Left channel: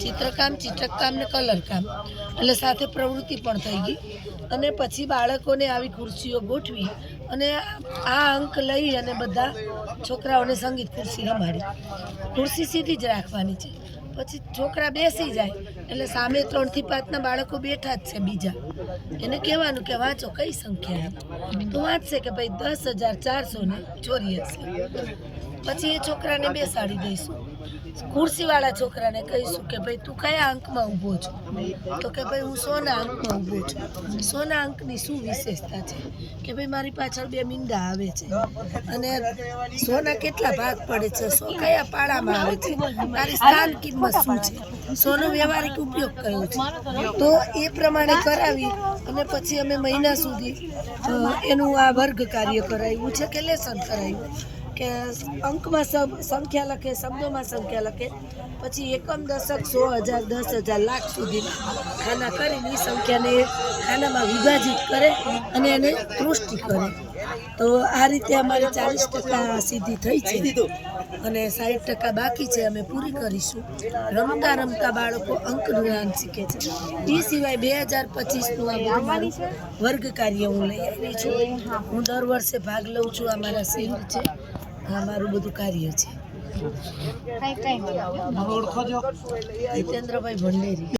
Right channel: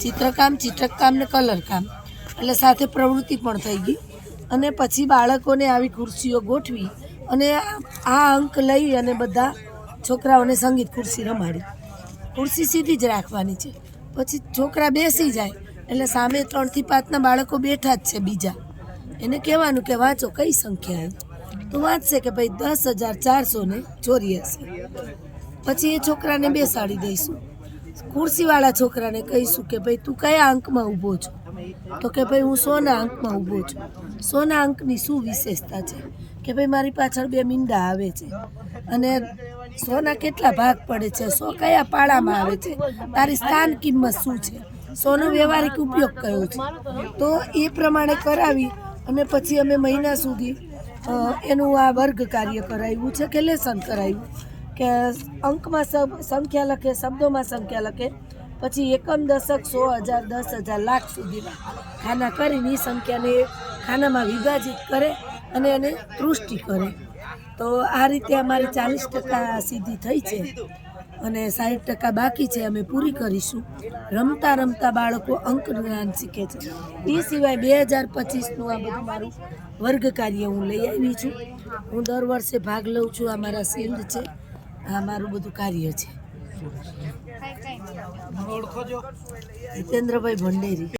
ચિત્રકામ, ચિત્રકામ ને કલર કામ એટલે સાથે પ્રવૃત્તિ પણ થઈ ગઈ અને પછી બાળકોને આવી ખુરશીઓ ગોઠવી અને આ અંક લઈ અને બધા છોકરાઓને સંગીત ખુરશી રમાડી. ખુરશી સીધી જ રાખવાની છે. પછી છોકરા બેસી જાય એટલે સામે 3 થી 5ના બાળકો બેઠા જ છે બીજા, એને કહેવાનું કે વાંચો કઈ સંખ્યા તો વાંચશે કે ભાઈ 10,484. પછી એ છોકરાને બેસાડી દઈશું. ખુરશીવાળા છોકરાને કહીશું કે ભાઈ તું કયા અંકમાં ઊભો છો, તો કે ભાઈ હું 100ના અંકમાં ઊભો છું. 100ના અંકની શું વિશેષતા છે કે ભાઈ મારી પાછળ 2 મીંડા આવે છે અને 100ના કેટલા ભાગ પડે છે, 100 કયા પાડામાં આવે છે, તારી સ્થાન કિંમત શું છે, 100નો વ્યવહારિક ઉપયોગ કયો છે. તો એ પ્રમાણે કરાવી અને પછી અમે મહિના સુધી એનું આ વર્ગ કાર્ય કરાવ્યું છે કે લેસન કરાવ્યું કે અંકમાં સંખ્યા લખે, શબ્દોમાં સંખ્યા લખે, પછી એકમ, દશક, 100,000, 10,000, લાખ સુધી ખાના કરીને એ સંખ્યાને ખાનામાં વિભાજિત કરે અને એને તૃષ્ટિ કરે. તો આ રીતે અમારે 40% સિદ્ધિ થઈ છે અને 60% બાકી છે, અમે પૂરી કરીશું. રમતા રમતા બાળકો અંક જ્ઞાન શીખે છે. એ સિવાય 2025નું આ બધું મારું વર્ગ કાર્ય હું લઈ આવી છું. હું દર વર્ષે ભાગ લઉં છું. આ મારા સિંધ છે, આ મારું બધું કાર્ય છે. હિતેન્દ્રભાઈ ભંડેરી.